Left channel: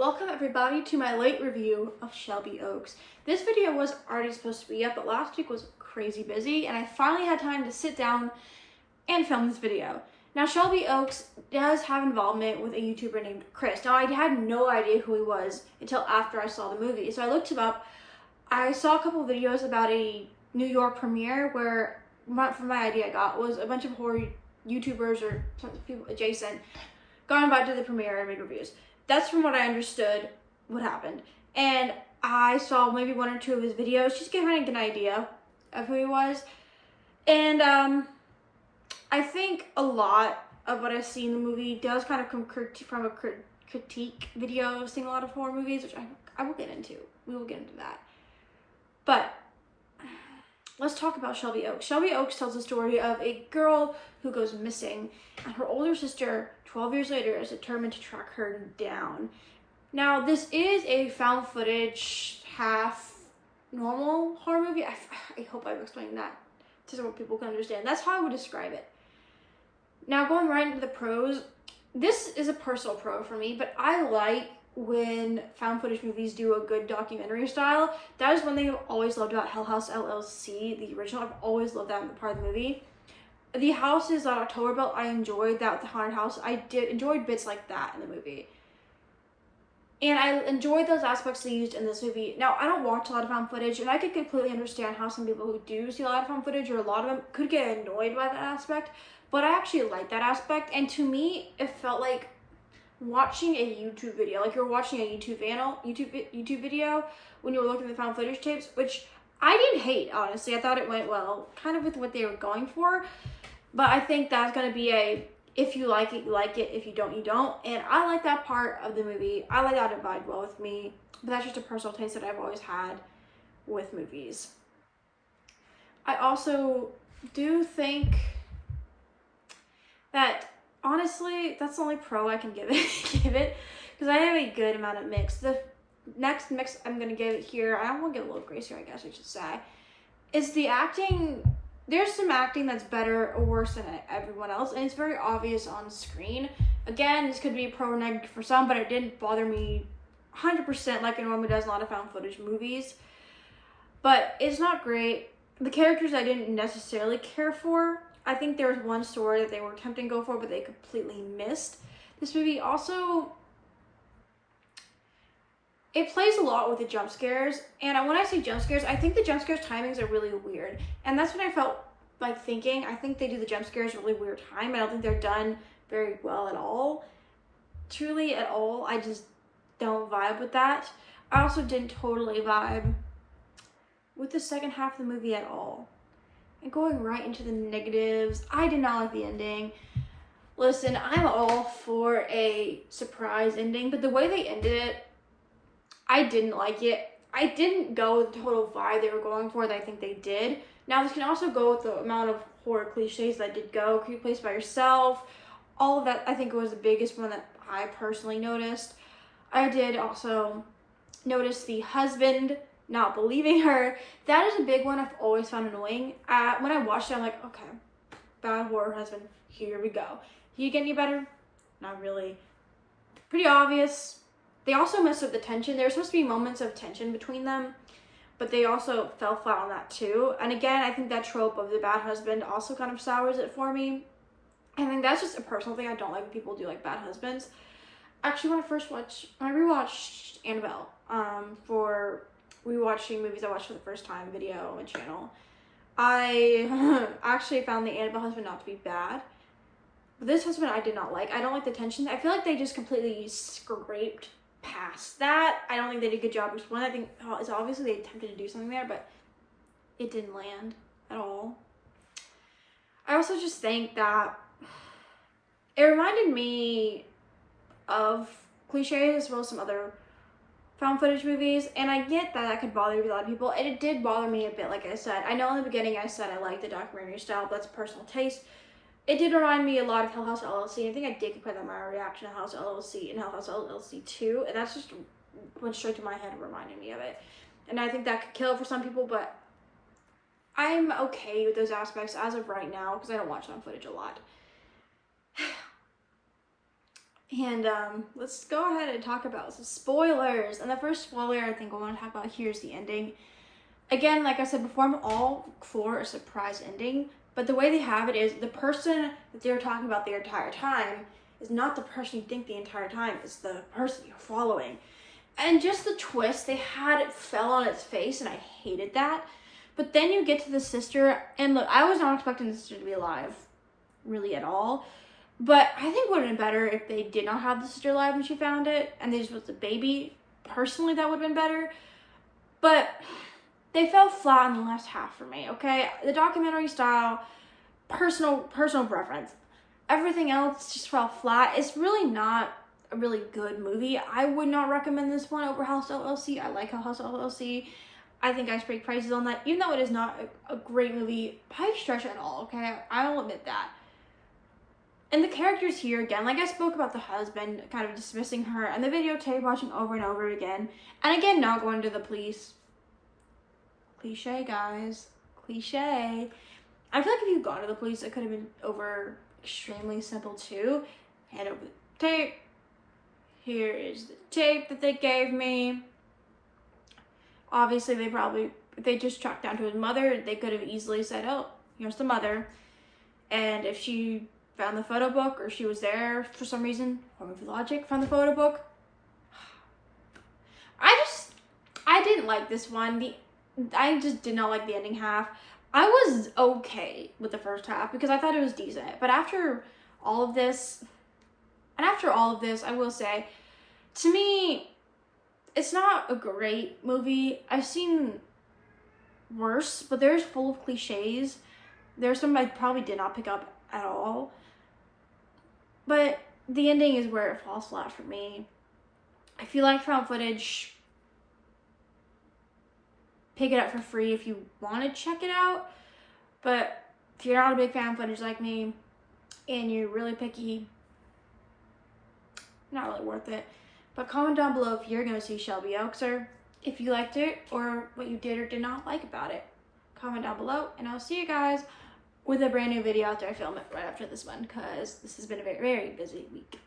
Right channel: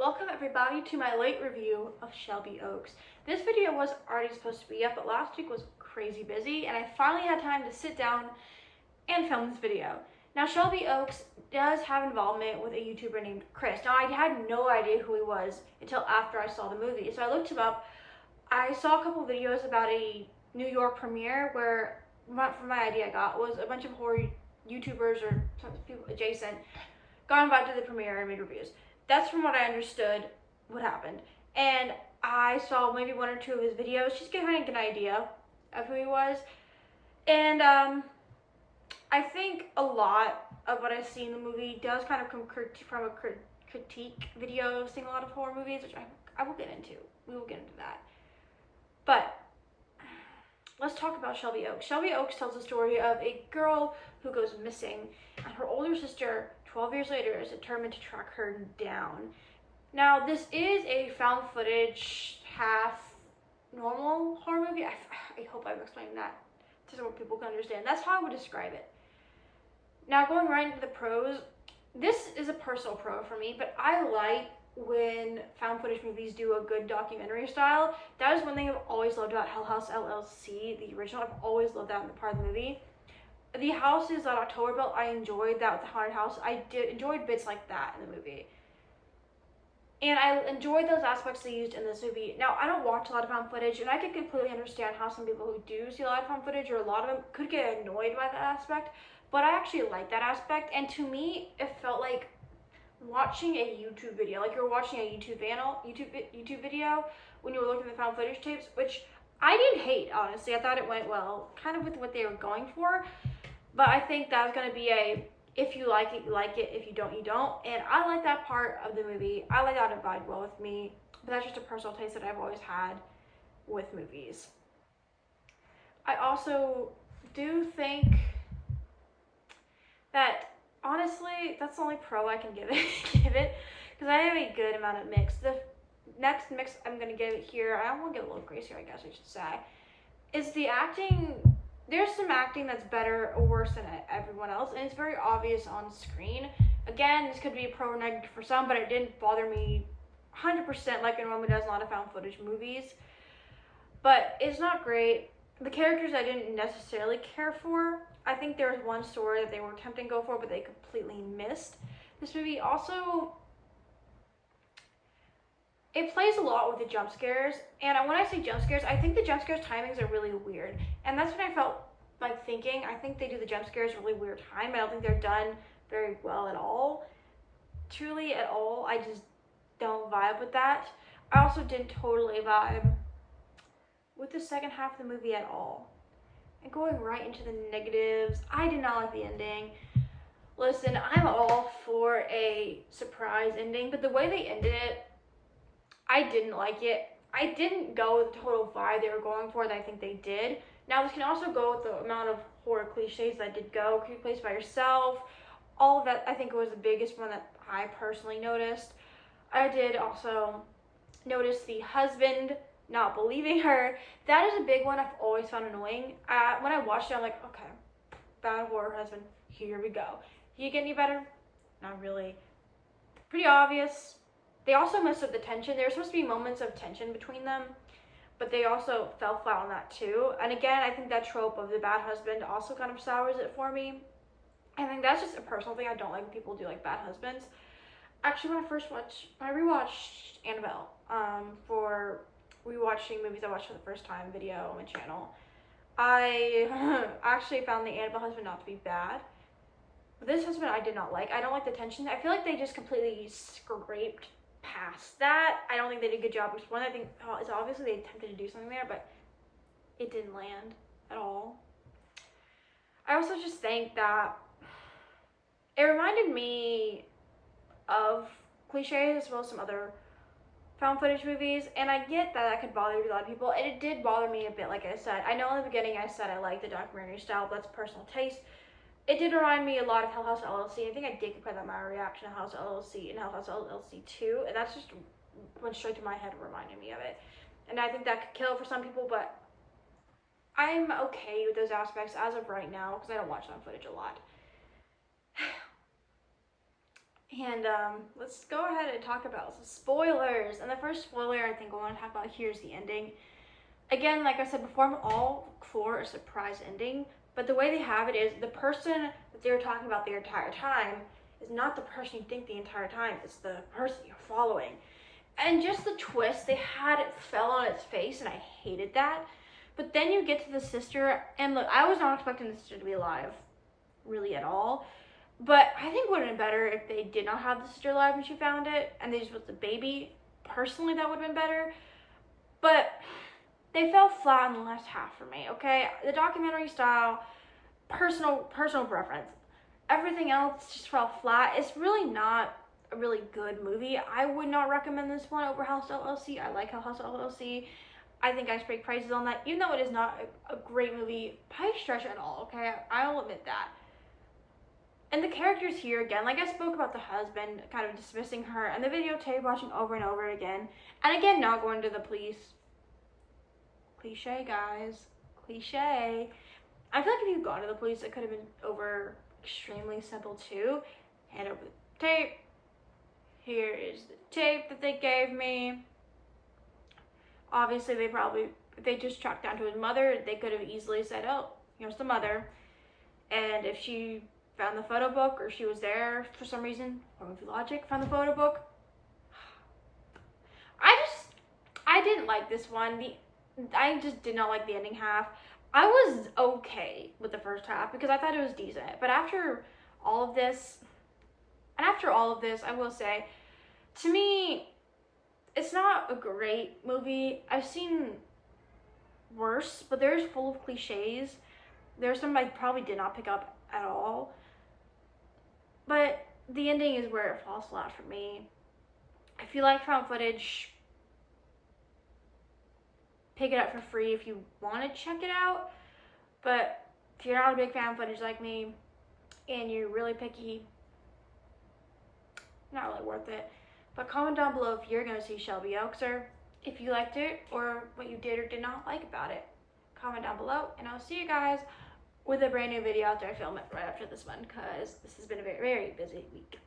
Welcome everybody to my late review of Shelby Oaks. This video was already supposed to be up, but last week was crazy busy and I finally had time to sit down and film this video. Now Shelby Oaks does have involvement with a YouTuber named Chris. Now I had no idea who he was until after I saw the movie. So I looked him up. I saw a couple of videos about a New York premiere where, from my idea I got, was a bunch of horror YouTubers or people adjacent gone about to the premiere and made reviews. That's from what I understood what happened. And I saw maybe one or two of his videos just to kind of get an idea of who he was. And I think a lot of what I see in the movie does kind of come from a critique video, seeing a lot of horror movies, which I will get into. We will get into that. But let's talk about Shelby Oaks. Shelby Oaks tells the story of a girl who goes missing, and her older sister, 12 years later, is determined to track her down. Now, this is a found footage, half normal horror movie. I hope I'm explaining that so people can understand. That's how I would describe it. Now, going right into the pros, this is a personal pro for me, but I like when found footage movies do a good documentary style. That is one thing I've always loved about Hell House LLC, the original. I've always loved that part of the movie. The houses that October built, I enjoyed that with the haunted house. I enjoyed bits like that in the movie. And I enjoyed those aspects they used in this movie. Now, I don't watch a lot of found footage, and I could completely understand how some people who do see a lot of found footage, or a lot of them, could get annoyed by that aspect. But I actually like that aspect, and to me, it felt like watching a YouTube video. Like you're watching a YouTube video when you were looking at the found footage tapes, which I didn't hate, honestly. I thought it went well, kind of with what they were going for. But I think that's going to be a, if you like it, you like it. If you don't, you don't. And I like that part of the movie. I like that it vibed well with me. But that's just a personal taste that I've always had with movies. I also do think that, honestly, that's the only pro I can give it. Because I have a good amount of mix. The next mix I'm going to give it here, I want to give a little grace here, I guess I should say, is the acting. There's some acting that's better or worse than everyone else, and it's very obvious on screen. Again, this could be pro or negative for some, but it didn't bother me 100% like it normally does in a lot of found footage movies. But it's not great. The characters I didn't necessarily care for. I think there was one story that they were attempting to go for, but they completely missed. This movie also, it plays a lot with the jump scares, and when I say jump scares, I think the jump scares timings are really weird, and that's what I felt like thinking. I think they do the jump scares a really weird time. I don't think they're done very well at all. Truly at all. I just don't vibe with that. I also didn't totally vibe with the second half of the movie at all. And going right into the negatives, I did not like the ending. Listen, I'm all for a surprise ending, but the way they ended it, I didn't like it. I didn't go with the total vibe they were going for that I think they did. Now, this can also go with the amount of horror cliches that did go. Could you place by yourself? All of that, I think, was the biggest one that I personally noticed. I did also notice the husband not believing her. That is a big one I've always found annoying. When I watched it, I'm like, okay, bad horror husband, here we go. Can you get any better? Not really. Pretty obvious. They also messed up the tension. There were supposed to be moments of tension between them, but they also fell flat on that too. And again, I think that trope of the bad husband also kind of sours it for me. I think that's just a personal thing. I don't like when people do like bad husbands. Actually, when I rewatched Annabelle, for rewatching movies I watched for the first time video on my channel, I actually found the Annabelle husband not to be bad. But this husband I did not like. I don't like the tension. I feel like they just completely scraped past that. I don't think they did a good job explaining. I think it's obviously they attempted to do something there, but it didn't land at all. I also just think that it reminded me of cliches as well as some other found footage movies, and I get that could bother a lot of people, and it did bother me a bit. Like I said, I know in the beginning I said I like the documentary style, but that's personal taste. It did remind me a lot of Hell House LLC. I think I did compare that my reaction to Hell House LLC and Hell House LLC 2, and that's just went straight to my head reminding me of it. And I think that could kill it for some people, but I'm okay with those aspects as of right now because I don't watch on footage a lot. And let's go ahead and talk about some spoilers. And the first spoiler I think I want to talk about here is the ending. Again, like I said before, I'm all for a surprise ending, but the way they have it is the person that they're talking about the entire time is not the person you think the entire time, it's the person you're following. And just the twist they had, it fell on its face, and I hated that. But then you get to the sister, and look, I was not expecting the sister to be alive, really at all. But I think it would have been better if they did not have the sister alive when she found it, and they just was the baby. Personally, that would have been better. But they fell flat in the last half for me, okay? The documentary style, personal preference. Everything else just fell flat. It's really not a really good movie. I would not recommend this one over House LLC. I like House LLC. I think I speak praises on that, even though it is not a great movie by stretch at all, okay? I'll admit that. And the characters here, again, like I spoke about the husband kind of dismissing her and the videotape watching over and over again. And again, not going to the police. Cliche, guys. Cliche. I feel like if you'd gone to the police, it could have been over extremely simple too. Hand over the tape. Here is the tape that they gave me. Obviously, if they just tracked down to his mother, they could have easily said, oh, here's the mother. And if she found the photo book, or she was there for some reason, or with logic, found the photo book. I didn't like this one. I just did not like the ending half. I was okay with the first half because I thought it was decent. But after all of this, I will say, to me, it's not a great movie. I've seen worse, but there's full of cliches. There's some I probably did not pick up at all. But the ending is where it falls flat for me. If you like found footage, pick it up for free if you want to check it out. But if you're not a big fan of footage like me and you're really picky, not really worth it. But comment down below if you're going to see Shelby Oaks, or if you liked it, or what you did or did not like about it. Comment down below, and I'll see you guys with a brand new video after I film it right after this one, because this has been a very, very busy week.